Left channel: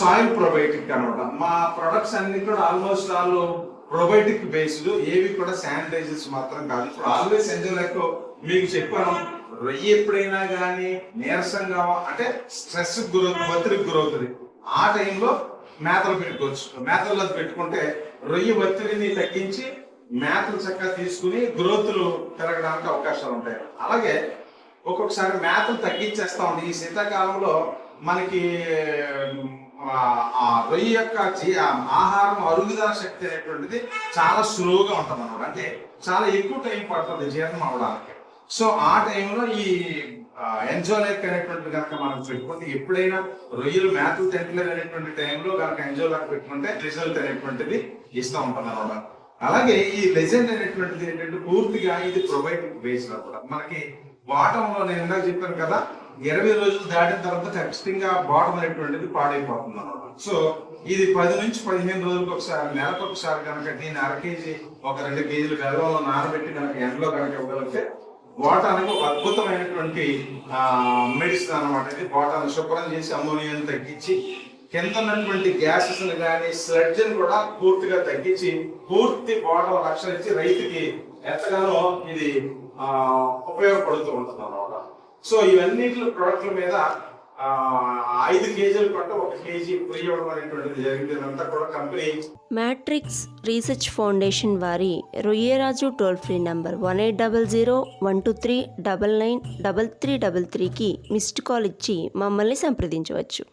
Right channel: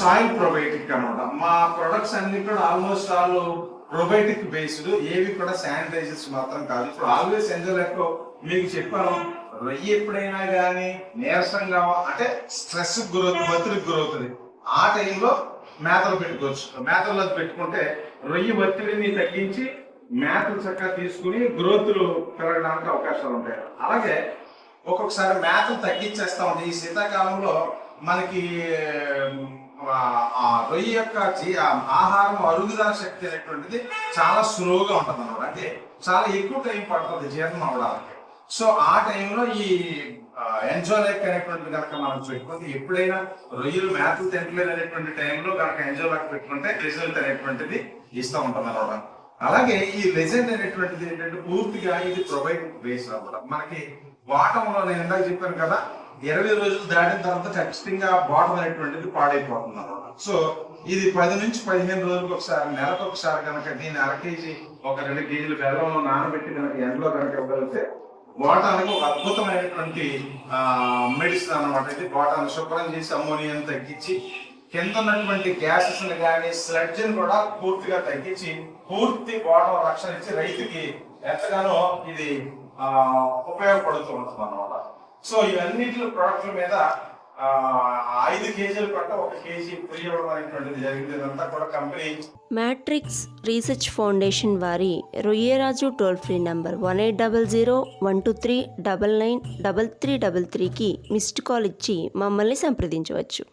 Soil probiotic అనమాట మా products అన్ని కూడా ఆల్మోస్ట్ ఆల్ ప్రొబయోటిక్ బేస్డ్ ఏవి కూడా శానిటైజర్స్ మాత్రం కాదు. ఇప్పుడు ఆల్వేస్ ఎంజోలెక్కో మీకు చెప్పాను రొయ్యి ఎప్పుడైనా కానీ నీరసంగా అంటే స్ట్రెస్ గురవుతుంది ఒత్తిడికి గురవుతుంది. ఆ టైంలో మేతలు పెట్టుకోవచ్చు. మేతల్లో పెట్టుకుంటే రొయ్యి ఒత్తిడిని తగ్గించి మేతలు చక్కగా తీసుకుని గ్రోత్లు పెరగడానికి అవకాశాలు ఉంటాయి. అలాగే ఒక్కొక్కసారి మేతలు తగ్గించేస్తా ఉంది. ఈ శీతాకాలంలో మనకి ఆ, రొయ్య యొక్క జీ- ఆహారం అరుగుదల శక్తి అనేటువంటిది చాలా స్లోగా ఉంటుంది అనమాట అంటే చాలా ఎక్కువ టైం పడుతుంది జీర్ణం అవడానికి సో ఆ టైంలో ఈ ఎంజోలెక్ అనేటువంటి కనుక మనం పెట్టుకుంటే ఎప్పుడైనా రొయ్యలు మేతలు తింటలేదు అనేటువంటి టైంలో కనుక ఎంజోలెక్ పెట్టుకుంటే రిజల్ట్ అనేటువంటిది ఇస్తూ ఉంటుంది అనమాట అలాగే ఈ లెజెండ్ అనేటువంటిది ఏంటంటే పూర్తిగా ఇది ప్రొవైడ్ బేస్ అనమాట మనకి బాటమ్ నేను ఇందాక చెప్పాను కదా ఇరవై రోజులు దాటిన తర్వాత ఖచ్చితంగా బాటం అనేటువంటిది పాడైపోతుంది అనమాట సో ఇది పది నుంచి పదిహేను రోజులకు ఒకసారి నెలకు ఒకసారి కనుక నేను అర కేజీ ఒక రెండు కేజీలు గర్భంలో నానబెట్టి కనుక ఎండలో కనుక ఇవ్వగలిగితే బోటానికి ఒక అద్భుతమైనటువంటి మెడిసిన్ అనమాట ఇది. బోటాన్ని శుభ్రం చేసి అమ్మోనియాని తగ్గించి కింద ఉన్నటువంటి గ్యాసెస్ని కానీ స్లడ్జ్ని కూడా పూర్తిగా తగ్గించి పూర్తి బాటం రక్షణ ఇచ్చి రైతుకి ఎంతగానో ఇది ఉపయోగపడుతూ ఉంటుంది అనమాట సో ఇవన్నీ ప్రొడక్ట్ల మీద ఐదు కేజీల కంటే ఒక కేజీ ఫ్రీ ఇవ్వడం అనేటువంటిది జరిగింది. ఇదంతా కూడా కంపెనీ మ్యాట్రిక్స్ రీసెర్చ్ ఫౌండేషన్ వారి Royyaraju toll free number one eight double zero one two three double nine double three double త్రీకి మిస్డ్ కాల్ ఇచ్చి మమ్మల్ని సంప్రదించవచ్చు.